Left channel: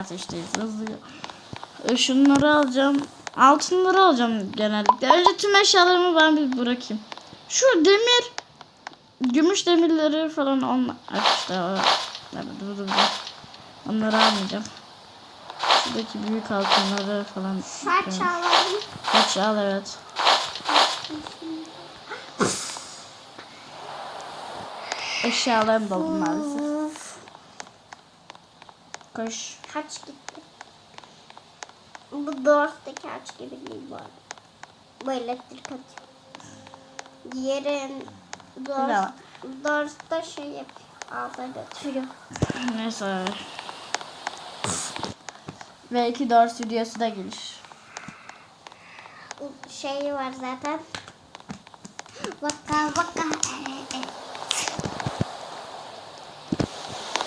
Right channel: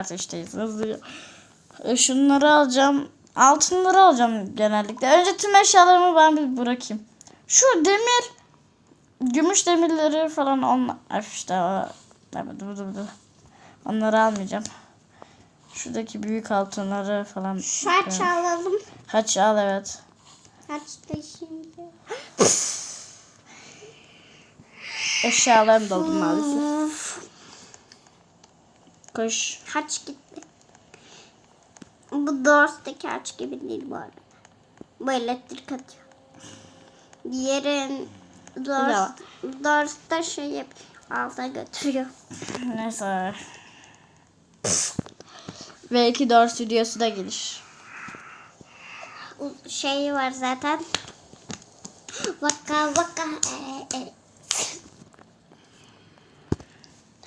ateşteyiz hızlıca. E, Şunları alacağım. Altınları alacağım genellikle. Önce tüm eşyalarımı ben bir bırakayım. Şu demir gümüş demirleri falan onlar işte o. Dur, dur, dur. Onları almayacağım. Şuradaki büyük altınları falan. Kaç alalım? Kaç al evet. Eşyalarım doldu maalesef. Koş. Kaç gitti? Bu Dors'taki kaç gibi değil bu arada. Bu elektrik atıyor. Diğeri Dors, Bravo. Dors'ta şey yapıyor. Ağzına götürüyor. Neyse. Belki 4 stüdyosu da gelir. Şey var zaten. Vaka vaka.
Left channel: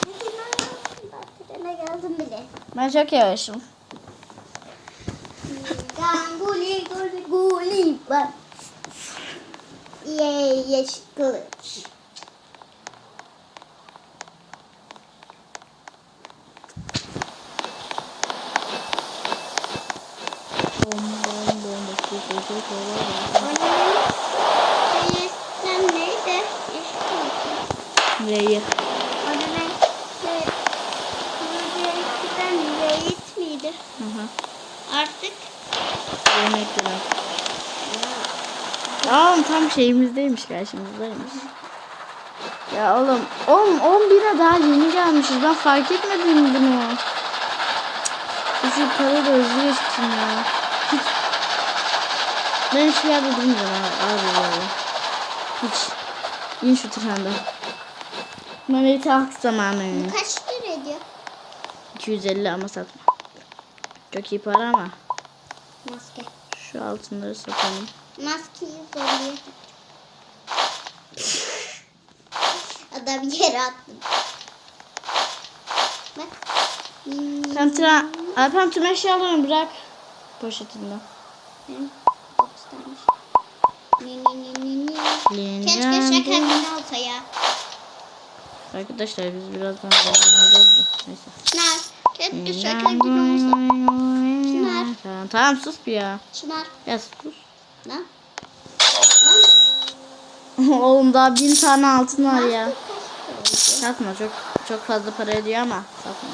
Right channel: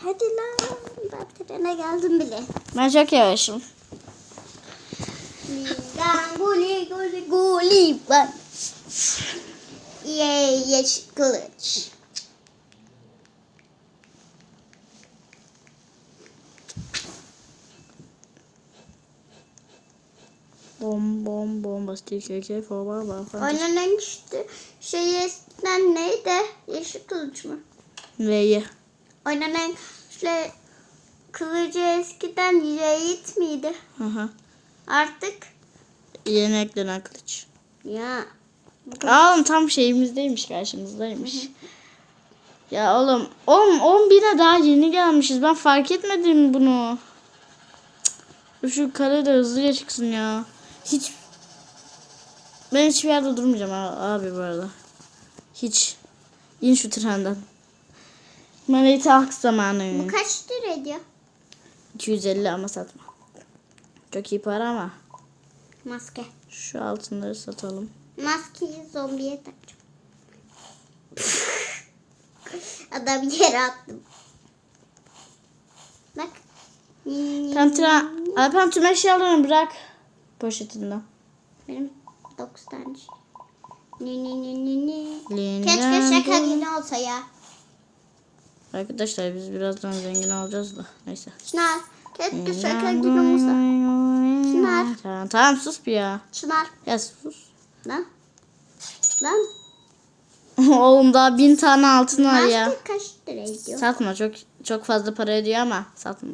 Hadi lan. Ben trene geldim bile. Ben çok yavaşım. Guli guli guli var. Yey yeşil kılıç. Bom bom bom başka şey şey kolay var. Oynamanın şeyi ben neydi? Yeşil kılıç mı? Neyi? Şey kılıcı eskiden Veyit miydi? Hı hı. Artık Yemek dönen ya Aa tam şeyimizdeymiş karşımızdaymış. Ya oğlum 10 10 bine daha yeni gelmişiz. Ben fark etmedim bunu. Şu karı da geçsin ya. Hiç ben hiçbir yerde durmayacağım abi, abi böyle. Hiç. İn şu trenden. Bana itaat zamanı. kaç ediyor? 250 ama satma. Çok iyi para ama. Maske. Şu altınları satalım. Maskeyi zorluyor. Adam yere attı. Bak. Hmm, Tam Alpem tüm eşyalarını bırak. Poşetinden. benim dokuz tane. Ni ni ni ni ni. Keşke günü olsa ya. Arkadaşlar biz birazdan zengin alacağız da. Neyse. Çınar. Keşke olsa. Çınar. Tamam, tamam sus bir ya. Çınar. Ya sus. Lan. Lan. Oğlum daha bin tane altın var ya. Satma çok çok fazla para ediyor ama satma.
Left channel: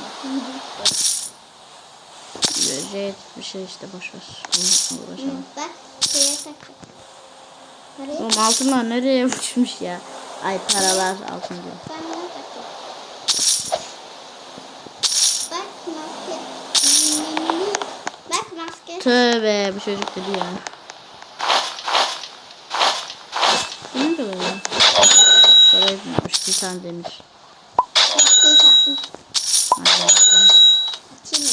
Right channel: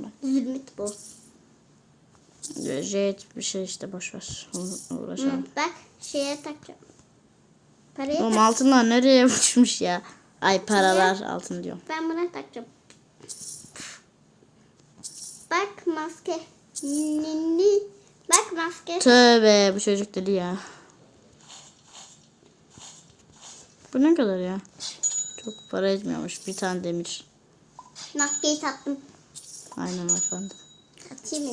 Jet bir şey işte boş ver. Uğraşalım. Şeye Oğlum altınlar nereye uçmuş ya? Ay paralar altın diyor. Ben bunu takacağım. Tövbe bu çocuk dedi ya. Bu ne kadar ya? Çok para etmiyormuş bir tane demir. Maskeyi taktım. Aynen bakalım. Atayım mı?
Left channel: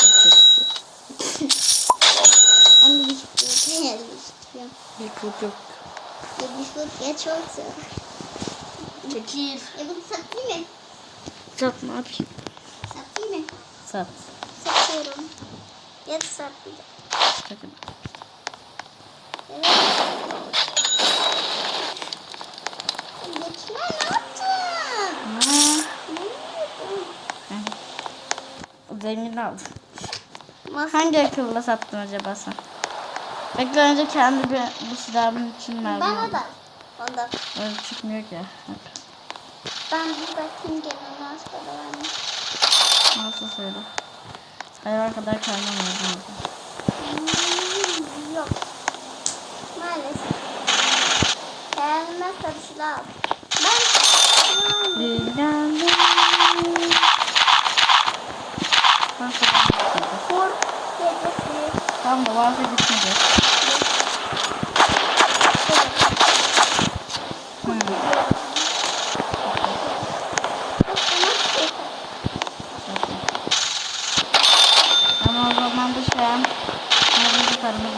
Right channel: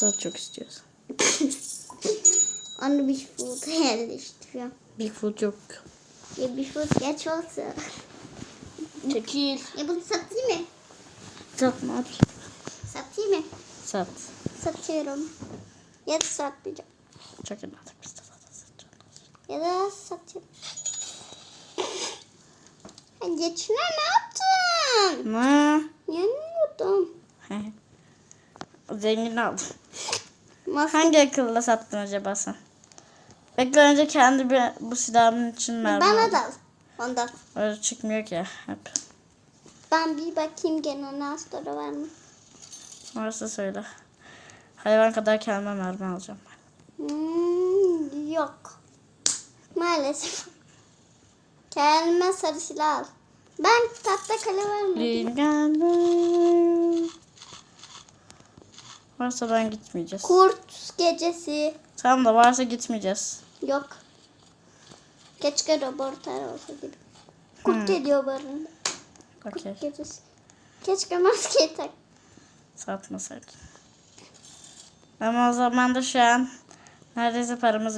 Çok çok istiyor. Onu bir fut yerleştiriyorum. Bir fut yok. Ya bir fut geç olsa. Çekil. Ya bunu satayım mı? Sat ne yapayım? Satayım mı? Sat. Satıyorum. Ya da satmayacağım. Çok iyi. Ya da. Geçme ne yaptın? Ne? Yeniyordum. Zengin aldım. Maske Hangi akılla sattın acaba sen? Bekle önce kendi bir bu silahımın için mermi bana da. Ondan. Öyle çıkmıyor ki hep. Ben bir bakayım gene nasıl para vermiş. Nasıl söyle. Hayvan kadar kendime mermi alacağım. Hmm, yok. Maalesef. Kendime sarı silah al. Ben kaçta para vermedim. Varsa ben gitmeyeceğiz. Kurt gecesi. Tamam da varsa gitmeyeceğiz. Yok. Kaçta da Hmm. Kurt geliyor o zaman da şu an neredeyse paramız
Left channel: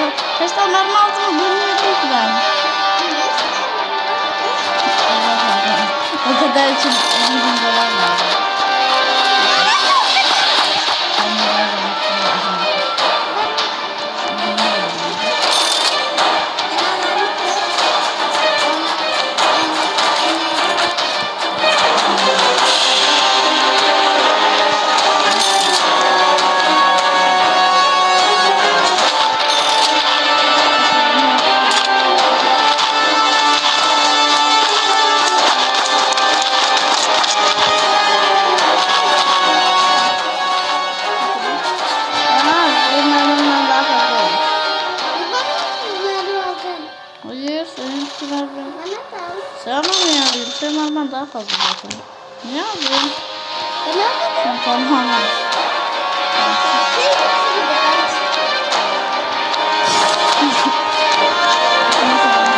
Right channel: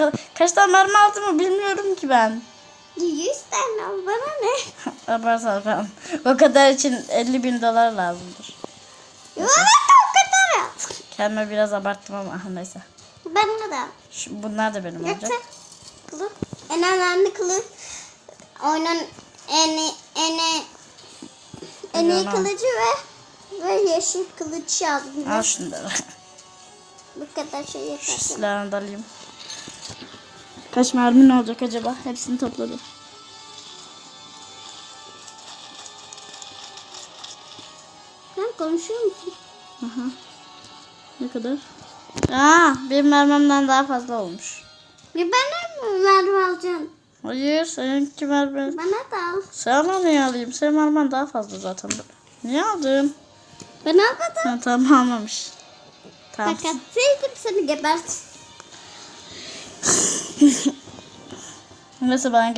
olsun. O kadar, kaç tane mermi aldığımı bilmiyorum ki ben. Allah zaten. O kadar için 50 bin dolar lazım. Ben de biraz abarttım Hayır, seninki mermi. Sana mı alayım? Senin mermin daha fazla zaten. Niye aldın? Ha, tamam almamış. Tamam. Neyse ben kenara al.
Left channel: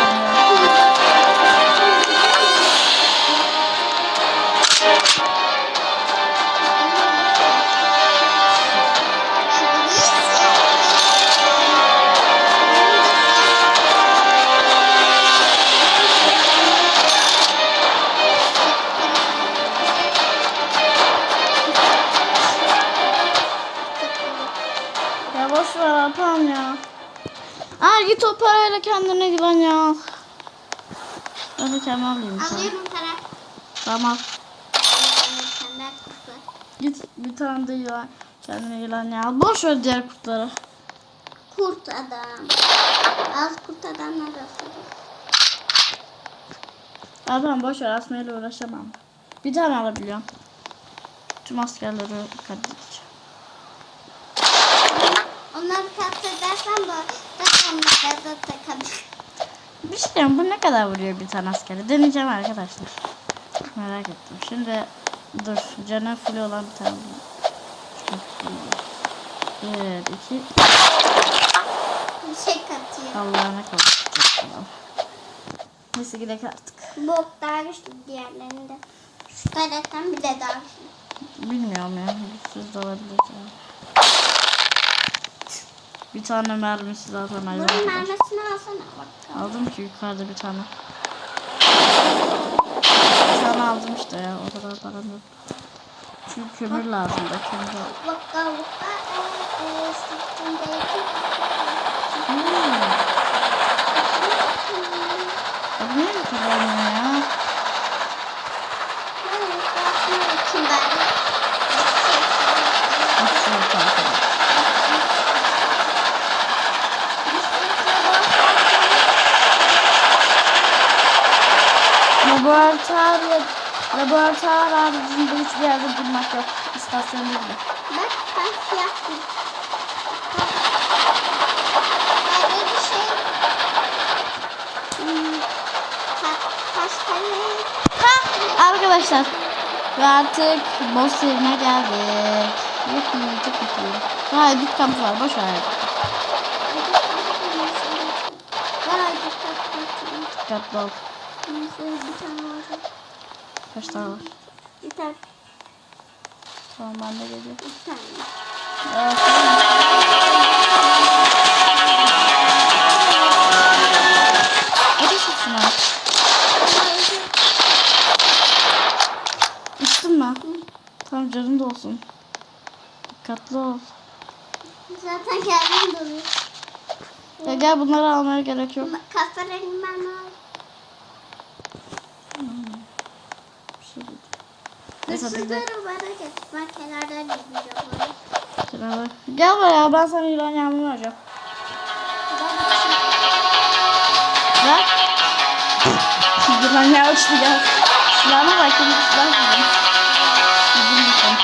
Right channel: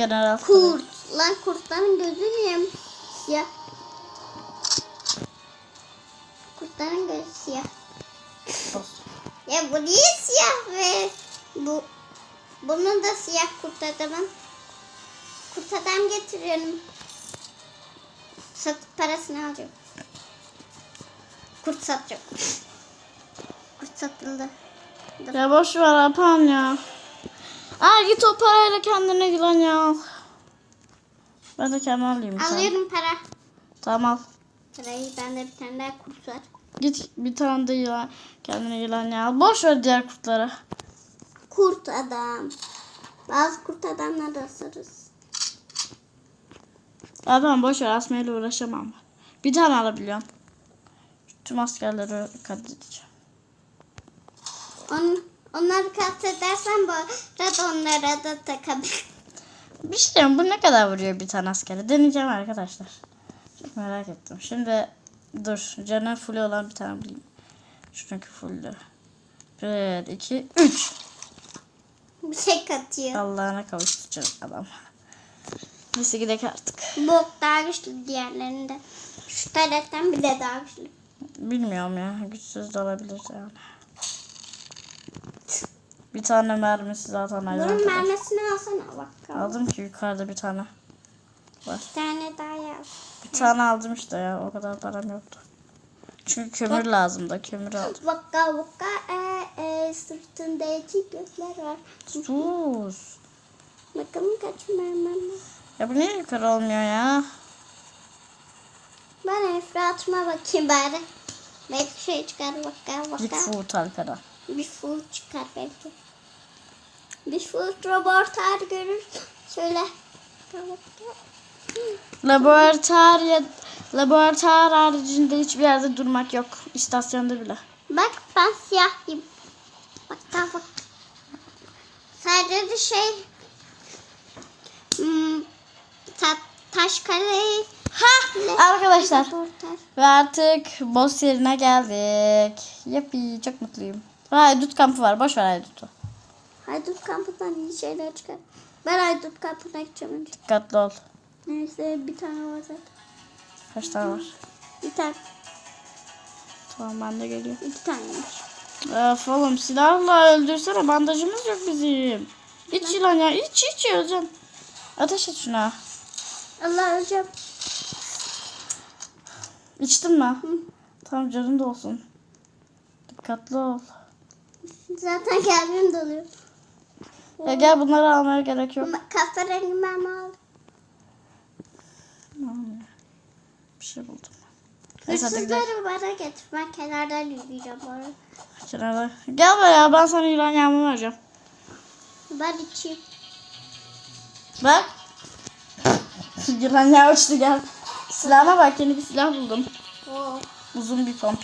Boş ver Alpan ya. Aa git o parayla kendine gülen ya. Ben de kendime alayım bir tane. Alıyorum para. Tamam. Senden. Git bir tane de yılan. Kendine yılan ya al. Boş ver diğer kurtları. Kurt adam. Az kurt adamla da ısırırız. Alpan boş ver asmayla uğraşamam. Bir tane alabiliyorum. Tüm askerleri katledeceğim. Onları katledersen bu da onlara da takabilir. Bir şey diyeyim, bu ne kadar vuruyor bir tane askere? Deneyeceğim arkadaşlar. Çok merak ettim. Şimdi dur. Canı full olan bir tane bulayım. Şunu full Evet, iki. üç. Bir şey katıyor. Allah'ına kavuşacak adam. Neyse gidelim artık. Bok daha güçlü diğerlerinde. Şu taraftan bir de daha güçlü. Bilmiyorum ya. Güçsüz de olabilir ya. Bir tane mermisi zaten ayrı. Bunun mermisini alsana bak. Aldım ki yukarıda bir tane. Bir tane aldım işte ya. O kadar param yoktu. Çünkü kömür lazım da kömür aldım. Vaka vaka e e Hmm. Ya bu niye yukarı olmuyor ya? Ben üstüne bakayım bari. Git şu tankına. Laboratuvar, laboratuvar haricinde hiçbir yerde durmak yok. İstasyonda bile. Bak ben siyah. Sadece bir şey. Hmm, ta- taş kare. Ha arkadaşlar ve artık boss yerine geldik. Yuhuu çok mutluyum. Hayır dut kampı var boş ver. Aydın kampı. Ben aydın kampı. Dikkatli ol. Neyse bir tane olacak. Kaç tane var? Bir tane. Tamam ben de geliyorum. İki tane. Ya sorun silah var öldürsene ben de bunu çekiyorum. Git şuna ya bunu çekiyorum. Ateş et şuna. Ama. İçtin mi? Tamam canın da olsun. Dikkatli ol. Zaten kendim doluyor. Ya gel bunları almaya gerek yok. Kahverengi mermi al. Bir şey buldum. Hırsızları bana getir. Ben kenardan izleyeceğim onu. Kenara. Gel buraya ben sana yılan yağmur vereceğim. Ben. Ver. yılan yağı uçtu gel. Silahına bak yeni bir silah buldum. Bizim bir ton.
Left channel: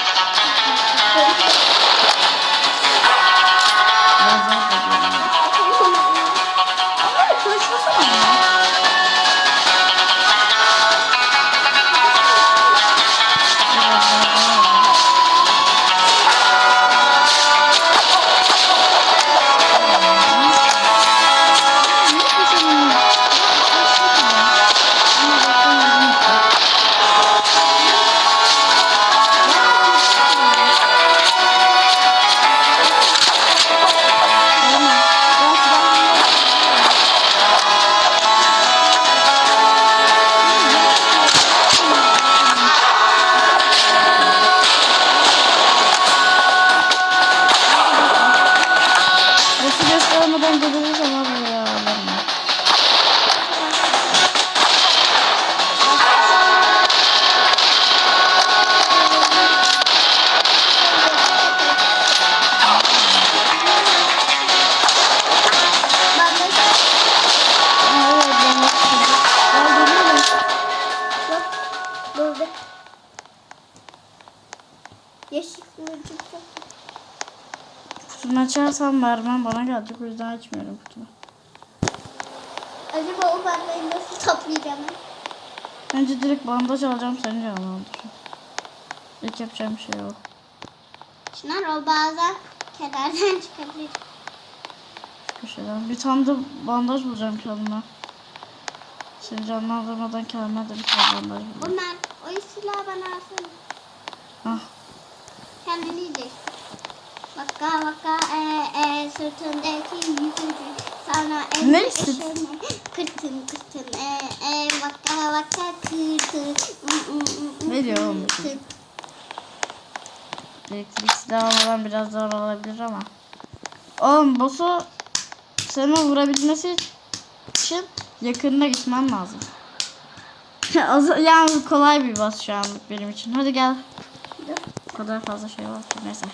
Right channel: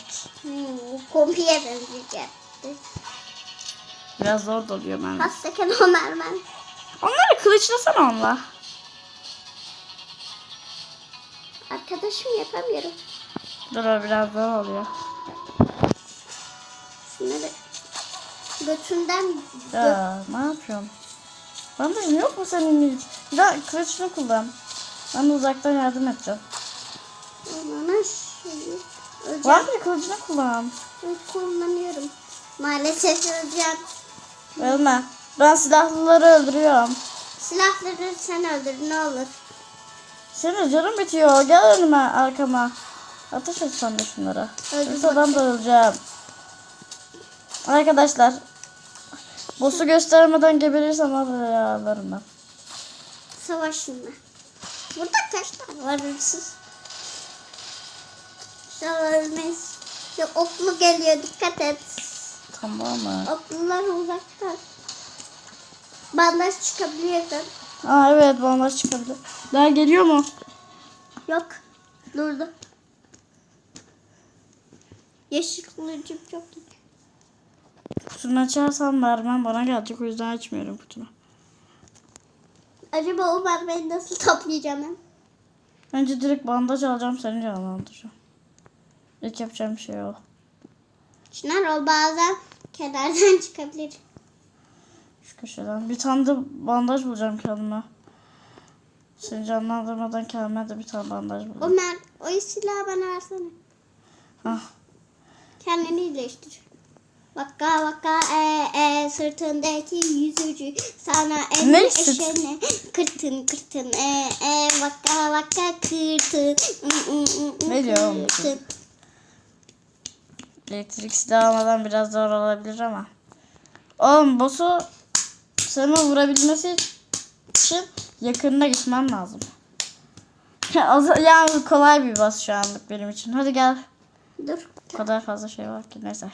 Biraz zor da diyorum. ama. Ama bir mı çocuk mu? Olma. Ben silahlıları öldürüyorum. Senin canın bitiyor. Gel önüme arkama. Arkadaşlar. Boss'u göstermeden gelirirsem ama buraya çıkabiliyor. Aa evet bomba çıktı. Ya geliyor mu? Çok. Kutunu açarsam vermem bana gelecek o yüzden açmıyorum kutunu. Acaba o bandajı nasıl toplayacağım ben? Bence direkt bandaj alacağım seni canlandıracağım. İlk yapacağım şey o. Çınar o bazen kenardan çıkabilir. Şu köşeden. Bir tane de bandaj bulacağım kendime. Seni canlandırmadan kendime de bir tane bandaj bulacağım. Ömer o silahı bana versene. Kendini iyileştir. Vaka vaka e e sırtındaki yüzücü sana sırt? eşene kırtın kırtın e e vaka vaka kırtın ı, ı, ı, Ne diyor oğlum? Elektrik silahı almadan biraz zor olabilir ama. Oğlum boss'u sana vurabilmesi için yakınına gitmen lazım. Az- yani kolay bir boss şu anlık benim için. Hadi gel. Dur O kadar fazla şey var ki neyse.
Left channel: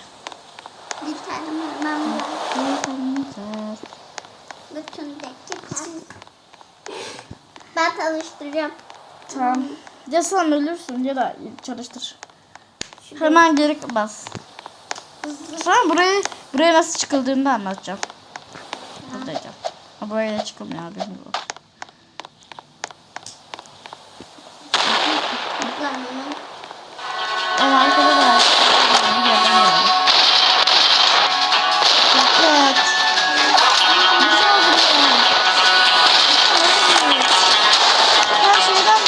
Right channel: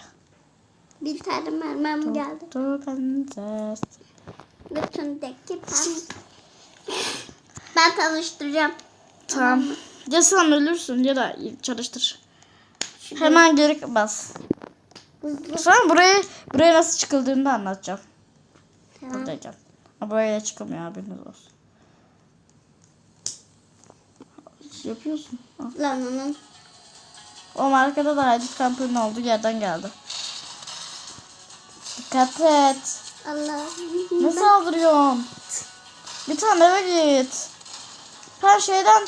bir tane mermem. Prenses. Bütündeki tam. Ben tanıştıracağım. Tamam. Ya sen ölürsün ya da çalıştır. Şu Hemen geri bas. hızlı. Sonra buraya buraya nasıl çıkıldığını da anlatacağım. Buradayacağım. Ha böyle çıkılmıyor haberiniz olsun. Ama arkada da bir tane var. Bir yerden geldi. Dikkatli et. Ne saldırıyorsun? Lütfen öyle git. Her şeyden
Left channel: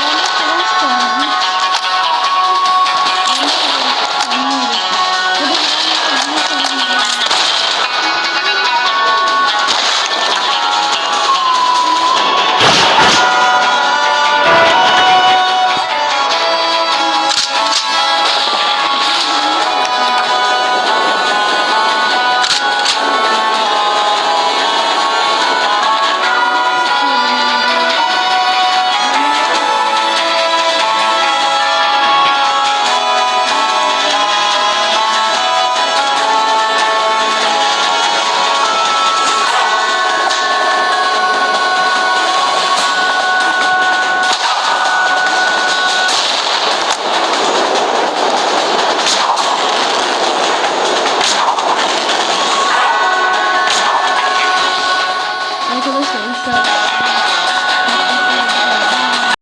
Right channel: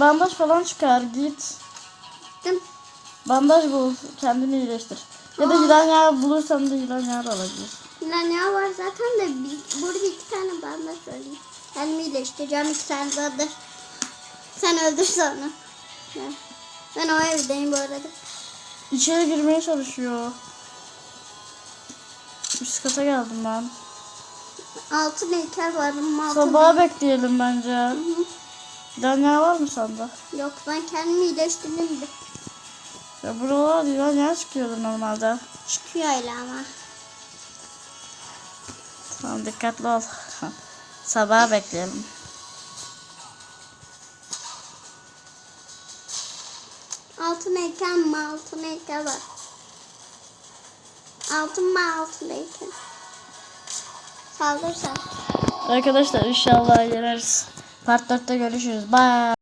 bandaj falan çıkar. Git. Bandaj bul. Kendini iyileştir. Ya da giden yer bulursan bir giden Arkadaşlar inşallah. Bye.